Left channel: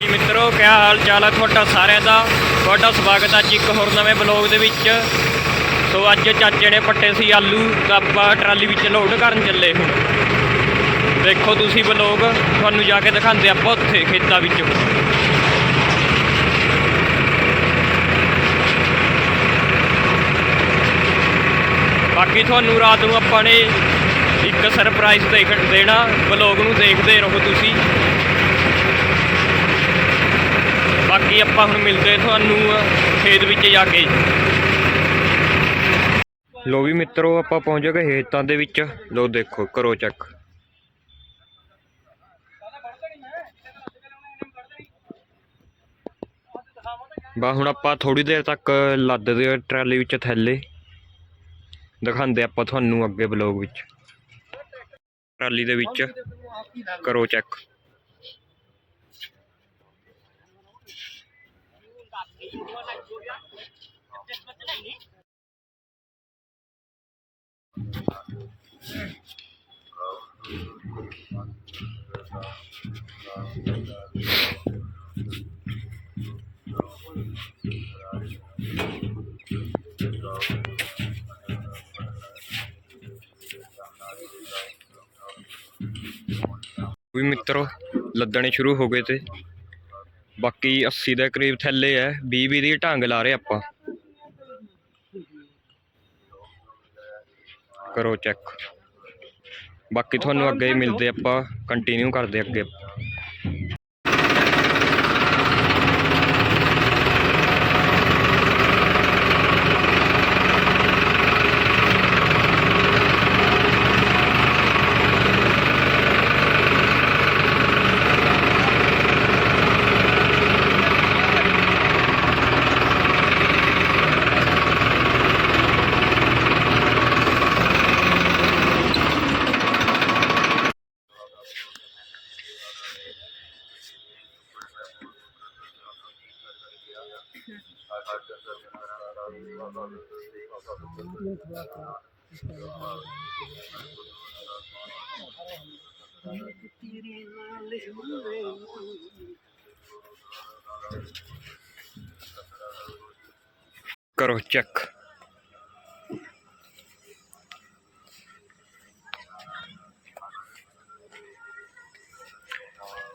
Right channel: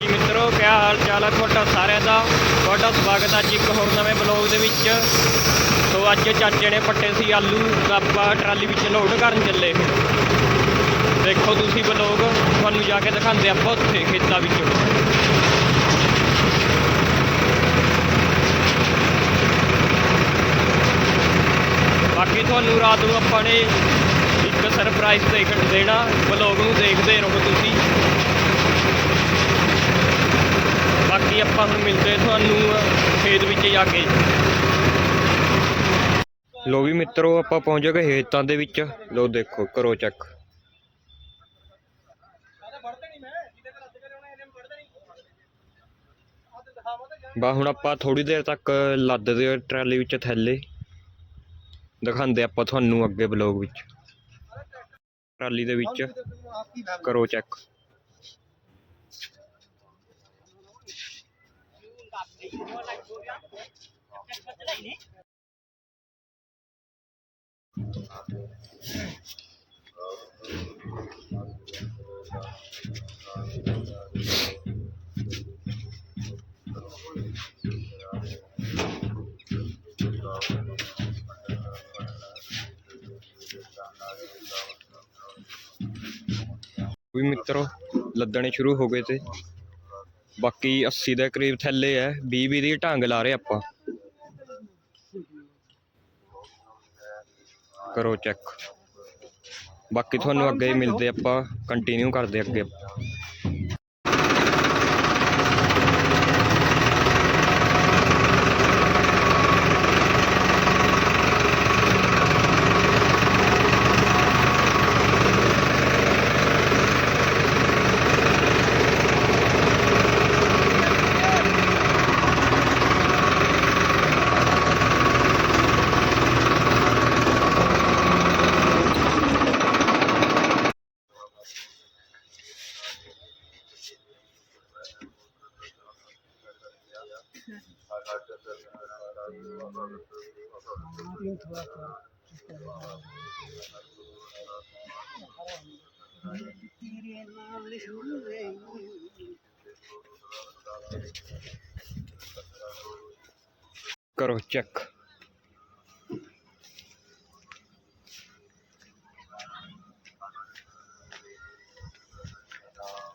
ਜੀ ਮਿੱਤਰੋ, ਕਿਆ ਹਾਲ ਚਾਲ ਹੈ ਤੁਹਾਡਾ ਸਾਰਿਆਂ ਦਾ? ਤੁਹਾਡਾ ਸਵਾਗਤ ਹੈ ਅੱਜ ਇੱਕ ਹੋਰ ਨਵੇਂ ਬਲੌਗ ਦੇ ਵਿੱਚ। ਸੋ ਅੱਜ ਚਾਚੇ ਨੇ ਪੱਟੇ ਸੀ ਆਲੂ, ਤਾਂ ਆਪਾਂ ਟਰਾਲੀ ਵਿੱਚ ਲੋਡ ਕਰਨ ਚੱਲੇ ਹੁਣ। ਦੇਖੋ ਤੁਸੀਂ ਬਲੌਗ ਤੁਹਾਨੂੰ ਜਾ ਕੇ ਦਿਖਾਉਂਦੇ ਆਪਾਂ ਉੱਥੇ, ਖੇਤਾਂ ਵਿੱਚ। ਬਾਕੀ ਤੁਹਾਨੂੰ ਰਾਤ ਨੂੰ ਆਪਾਂ ਨੇ ਇੱਕ ਸਰਪ੍ਰਾਈਜ਼ ਦੇਖ ਦੇਣਾ ਬਲੌਗ ਨੂੰ ਦੇਖਦੇ ਰਹੋ ਤੁਸੀਂ। ਬਾਕੀ ਆਪਾਂ ਹੁਣ ਮਿਲਦੇ ਤੁਹਾਨੂੰ ਖੇਤ ਵਿੱਚ ਜਾ ਕੇ ਲੋ ਵੀ ਮਿੱਤਰੋ, ਆਪਾਂ ਪਹੁੰਚ ਗਏ ਖੇਤਾਂ ਦੇ ਵਿੱਚ। ਲੋ ਦੇਖੋ, ਕਰੋ ਚੈੱਕ ਬਾ ਹੁਣ ਆਪਾਂ ਥੋੜੀ ਦੇਰ ਤੱਕ ਲੱਦਦੇ ਆ ਟਰਾਲੀ ਵਿੱਚ ਥੱਲੇ। ਦਿਖਾਉਂਦੇ ਆਪਾਂ ਤੁਹਾਨੂੰ ਅੱਗੇ ਬਲੌਗ ਵਿੱਚ। ਟਰਾਲੀ ਦੇ ਵਿੱਚ। ਕਰੋ ਚੈੱਕ ਵੀ ਮਿੱਤਰੋ ਲੱਦਣੇ ਸ਼ੁਰੂ ਹੋ ਗਏ ਤੇ ਬਾਕੀ 80 ਦੇ ਕਰੀਬ ਥੱਲੇ ਹੈ 20 20 ਦੀ ਢੰਗ ਲਾ ਰਹੇ ਆਪਾਂ। ਕਰੋ ਚੈੱਕ ਬਾਕੀ ਤੁਹਾਨੂੰ ਅੱਗੇ ਮਿਲਦੇ ਆਪਾਂ ਕੰਟੀਨਿਊ ਕਰਦੇ ਅੱਗੇ। ਕਰੋ ਚੈੱਕ।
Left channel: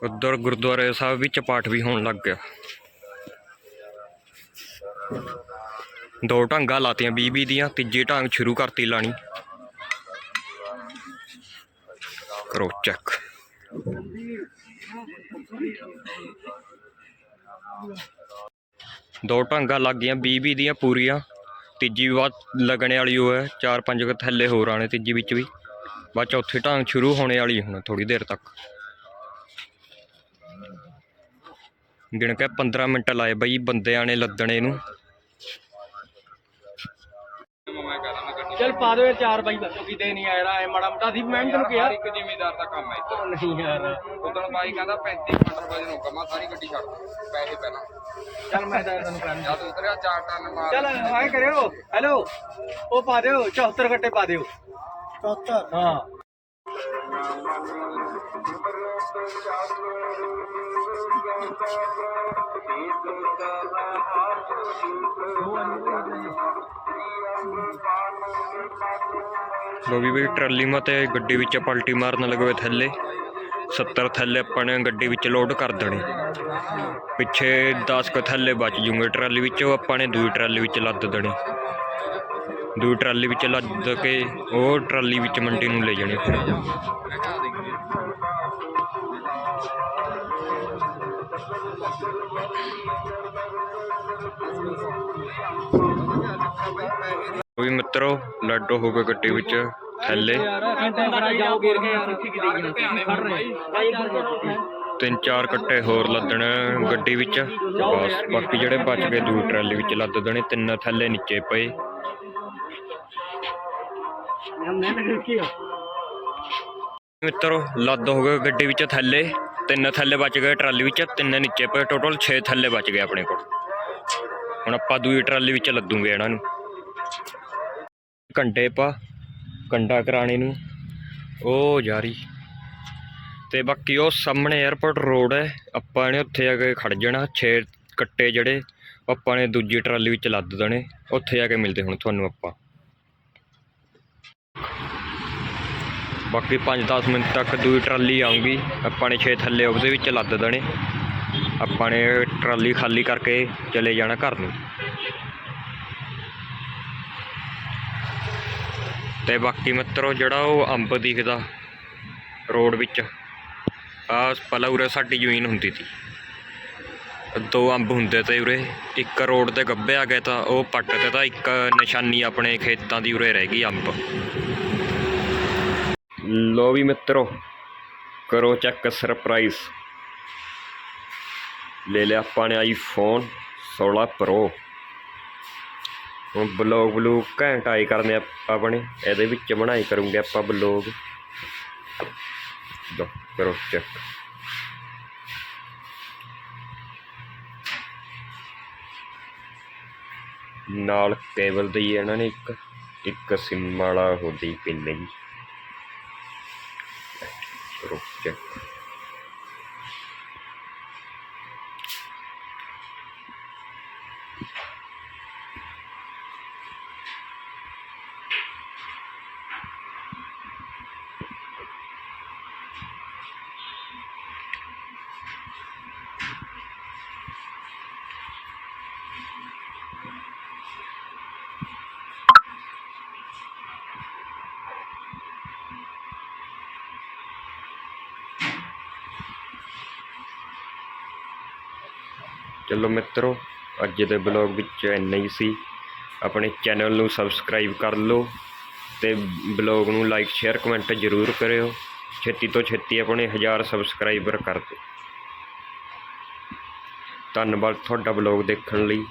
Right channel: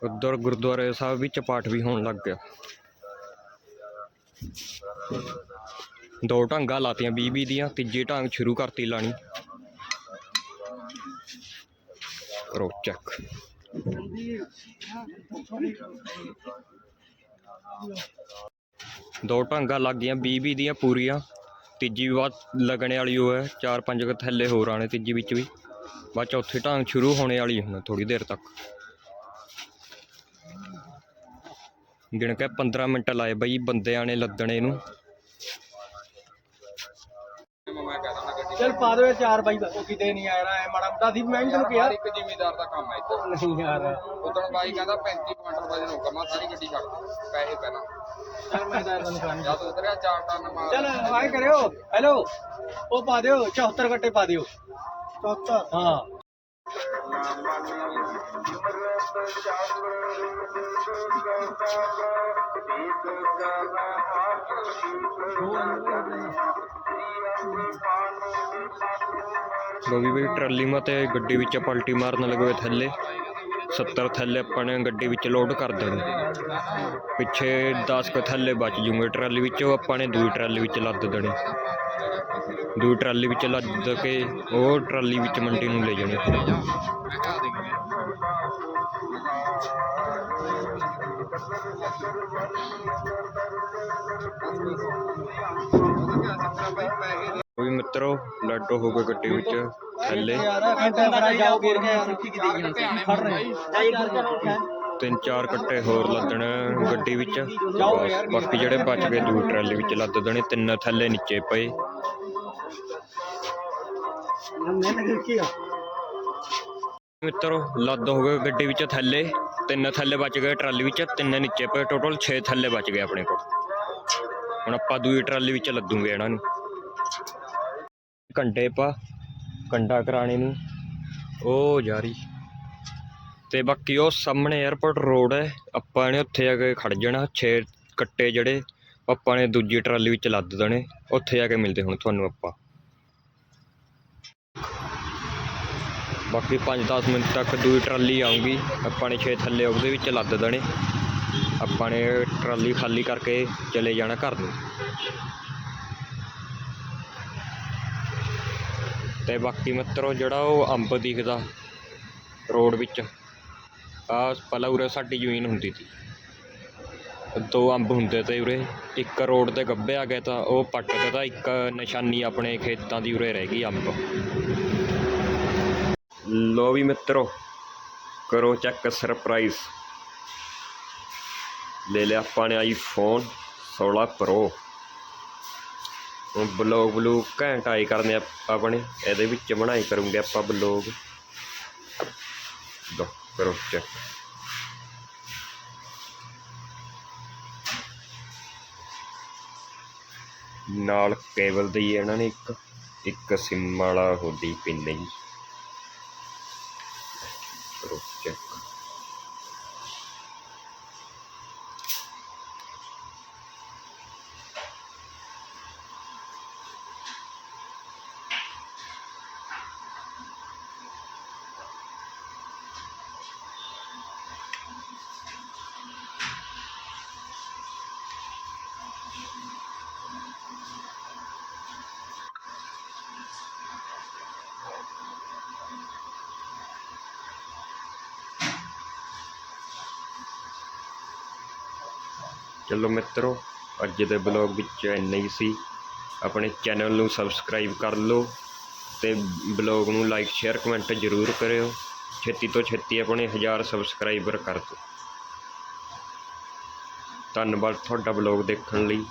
ਉਧਰ ਗੁਰਦੁਆਰੇ ਸਾਹਿਬ ਵਿੱਚ ਪਾਠ ਵੀ ਹੋਣ ਲੱਗ ਗਿਆ। ਦੋ ਢੰਗਾਂ ਲਾਤੀਆਂ 20 20 ਦੀਆਂ, ਤੀਜੀ ਢਾਂਗ ਸ਼ੁਰੂ ਕਰਤੀ ਲਾਣੀ। ਕਰੋ ਚੈੱਕ ਦੋ ਢੰਗਾਂ ਲੱਗ ਗਈਆਂ 20 20 ਦੀਆਂ ਪੂਰੀਆਂ। ਤੀਜੀ ਵੀ ਬਾਅਦ ਲੱਗਣੇ ਵਾਲੀ ਉਹ ਹੈ, ਚਾਰ ਪੰਜ ਕੁ ਥੱਲੇ ਹੋਰ ਆਣੇ ਤੀਜੀ ਵਿੱਚ ਵੀ। ਬਾਅਦ ਚੌਥੀ ਢਾਂਗ ਸ਼ੁਰੂ ਹੋਣੇ ਵਾਲੀ ਹੁਣ ਥੋੜੀ ਦੇਰ ਤੱਕ। ਗਿਣ ਕੇ 15 ਮਿੰਟ ਲਾਏ ਬਈ ਬੰਦਿਆਂ ਨੇ ਲੱਦਣੇ ਨੂੰ ਚਲ ਪਾ ਦਿਓ ਇਹ ਚਾਰ ਬਾਈ ਬੱਚੋ ਕਿਤੇ ਨਹੀਂ ਆਇਆ ਐ ਮਾੜਾ ਮੋਟਾ ਸੀ ਮੈਂ ਤੈਨੂੰ ਕਿਹਾ। ਇੱਕ ਜ਼ਿਮੀਦਾਰ ਦਾ ਕੰਮ ਹੈ ਇੱਧਰ। ਨਹੀਂ ਯਾਰ। ਉਦੋਂ ਬਾਈ ਕਹਿੰਦਾ 35 ਕੁਇੰਟਲ ਵਜਨ ਹੋਊਗਾ ਮੈਂ ਸਾਰੀ ਗੱਡੀ ਛੱਡ ਦੇ ਪੈਸੇ ਪਹਿਲਾਂ। ਚਲ ਮੈਂ ਤਾਂ ਤੈਨੂੰ ਕਹਿੰਦਾ ਜਦ ਉਤਰਿਆ ਚਾਰ ਟਨ ਮਾਰ ਚਲ ਆਏ ਕਰਿਓ ਹੈਲੋ ਉਹ ਪਾ ਦਿਓ 74 ਗੱਟੇ ਪਾ ਦਿਓ। 74 ਹਾਂ। ਲੋ ਵੀ ਬਈ ਟਰਾਲੀ ਮਤੇ ਗੱਡੀ ਵਿੱਚ ਪਲਟੀ ਮਾਰਨ ਲੱਗੇ ਹੋਏ ਥੱਲੇ। 70 ਥੱਲੇ ਆਪਾਂ ਨੇ ਗੱਡੀ ਵਿੱਚ ਲੋਡ ਕਰ ਦੇਣੀ। ਪਿੱਛੇ 10 ਕ ਥੱਲੇ ਬਚ ਜੂਗੇ ਟਰਾਲੀ ਵਿੱਚ, ਉਹ ਆਪਾਂ ਨੇ ਦੂਜੀ ਟਰਾਲੀ ਵਿੱਚ ਲੱਦ ਦੇਣੀ। ਦੂਜੀ ਟਰਾਲੀ ਵਿੱਚ ਲੱਦ ਕੇ ਉਹ ਟਰਾਲੀ ਵਿੱਚ ਮੰਡੀ ਨੂੰ ਲੈ ਜਾਣੀ ਫਿਰ। ਉਹ ਵੀ ਮਿੱਤਰੋ, ਲੱਡੋ ਹੋ ਗਏ ਗੱਡੀ ਵਿੱਚ, ਥੱਲੇ। ਤਿੰਨ ਚਾਰ ਕੱਟੇ ਹੋਰ ਲੱਦਣ ਗੱਡੀ ਵਿੱਚ। ਬਸ, ਬਾਕੀ ਜਿਹੜੇ ਬਚ ਗਏ ਦੂਜੀ ਟਰਾਲੀ ਵਿੱਚ ਲੱਦ ਦੇਣੇ, ਤਿੰਨ ਥੱਲੇ ਨੀਚੇ ਪਏ। ਮਿੱਤਰੋ, ਲੱਦ ਹੋ ਗਏ ਗੱਡੀ ਵਿੱਚ ਥੱਲੇ, ਤਿੰਨ ਥੱਲੇ ਬਚ ਗਏ ਟਰਾਲੀ ਵਿੱਚ, ਤਿੰਨ ਨੀਚੇ ਪਏ ਟੋਟਲ 6 ਥੱਲੇ ਬਚ ਗਏ ਆਪਣੇ ਕੋਲ। ਹੁਣ ਆਪਾਂ ਦੂਜੀ ਟਰਾਲੀ ਵਿੱਚ ਲੱਦੂਗੇ ਇਹਨਾਂ ਨੂੰ। ਕੰਡੇ ਪਾ ਕੰਡਾ ਕਰਾਣੇ ਨੂੰ। ਉਹ ਜਾਰੀ ਤੇ ਬਾਕੀ ਉਹ ਸਾਹਮਣੇ 에어ਪੋਰਟ ਰੋਡ ਹੈ, ਆਪਾਂ ਨੇ ਉੱਥੇ ਆ ਕੇ ਖੜ ਜਾਣਾ, ਛੇ ਕੱਟੇ ਜਿਹੜੇ, ਆਪਾਂ ਨੇ ਦੂਜੀ ਟਰਾਲੀ ਵਿੱਚ ਲੱਦ ਦੇਣੇ, ਉੱਥੇ ਆ ਕੇ ਮਿਲਦੇ ਹੁਣ ਤੁਹਾਨੂੰ ਆਪਾਂ। ਬਾਕੀ 5-10 ਮਿੰਟ ਤੱਕ ਦੂਈ ਟਰਾਲੀ ਆਊਗੀ। ਆਪਾਂ ਨੇ ਛੇ ਥੱਲੇ ਉਹਦੇ ਵਿੱਚ ਲੱਦ ਦੇਣੇ। ਆਪਾਂ ਨੇ ਟਰਾਲੀ ਖਾਲੀ ਕਰਕੇ ਚਲੇ ਜਾਣਾ ਘਰ ਨੂੰ। ਤੇ ਬਾਕੀ ਮਿੱਤਰੋ, ਜਿਹੜਾ ਉਹ ਅੰਬ ਦਿਖਦਾ, ਰੋਡ ਵਿੱਚ ਆ ਪਹਿਲਾਂ ਉਰੇ ਸਾਡੀ ਜ਼ਮੀਨ ਹੁੰਦੀ ਸੀ। ਦੋ ਅੰਬ ਹੁੰਦੇ ਤੇ ਉਰੇ, ਇੱਕ ਰੋਡ ਤੇ ਗੱਬੇ ਆ ਗਏ ਤਾਂ ਉਹ ਪੱਟ ਤੇ ਤਾਂ ਇੱਕ ਨਿਸ਼ਾਨੀ ਆਪਣੇ ਖੇਤਾਂ ਦੀ ਉਰੇ ਰਹਿ ਗਈ ਅੰਬ। ਲੋ ਵੀ ਮਿੱਤਰੋ, ਕਰੋ ਚੈੱਕ ਸਰਪ੍ਰਾਈਜ਼ ਲੈ ਲਿਆ ਆਪਾਂ ਨੇ ਆਈਫੋਨ 16 ਪ੍ਰੋ ਹੁਣ ਬਲੌਗ ਬਲੂਗ ਘੈਂਟ ਆਈ ਕਰਨੇ ਆ ਆਪਣੇ, ਇਹਦੇ ਵਿੱਚ ਬਣਾਈ ਕਰੂੰਗੇ ਆਪਾਂ ਬਲੌਗ। ਦੋ ਕਰੋ ਚੈੱਕ ਨਾਲ ਕੇਬਲ ਦੀ ਇਹਨਾਂ ਨੇ ਇੱਕ ਇੱਕ ਸਿਮ ਵਾਲਾ ਹੋਦੀ ਪਿੰਨ ਜੀ। ਕਰੋ ਚਲੋ ਮਿੱਤਰੋ, ਅੱਜ ਦੇ ਬਲੌਗ ਵਿੱਚ ਇੰਨਾ ਹੀ ਸੀ। ਆਪਣੇ ਚੈਨਲ ਨੂੰ ਸਬਸਕ੍ਰਾਈਬ ਕਰ ਲਓ ਤੇ ਬਲੌਗ ਨੂੰ ਲਾਈਕ ਸ਼ੇਅਰ ਕਮੈਂਟ ਜ਼ਰੂਰ ਕਰਿਓ। ਛੇਤੀ ਤੋਂ ਛੇਤੀ ਆਪਣੇ 1000 ਸਬਸਕ੍ਰਾਈਬਰ ਕਰ ਦਿਓ। ਧੰਨਵਾਦ ਤੁਹਾਡਾ ਬਲੌਗ ਦੇਖਣ ਲਈ।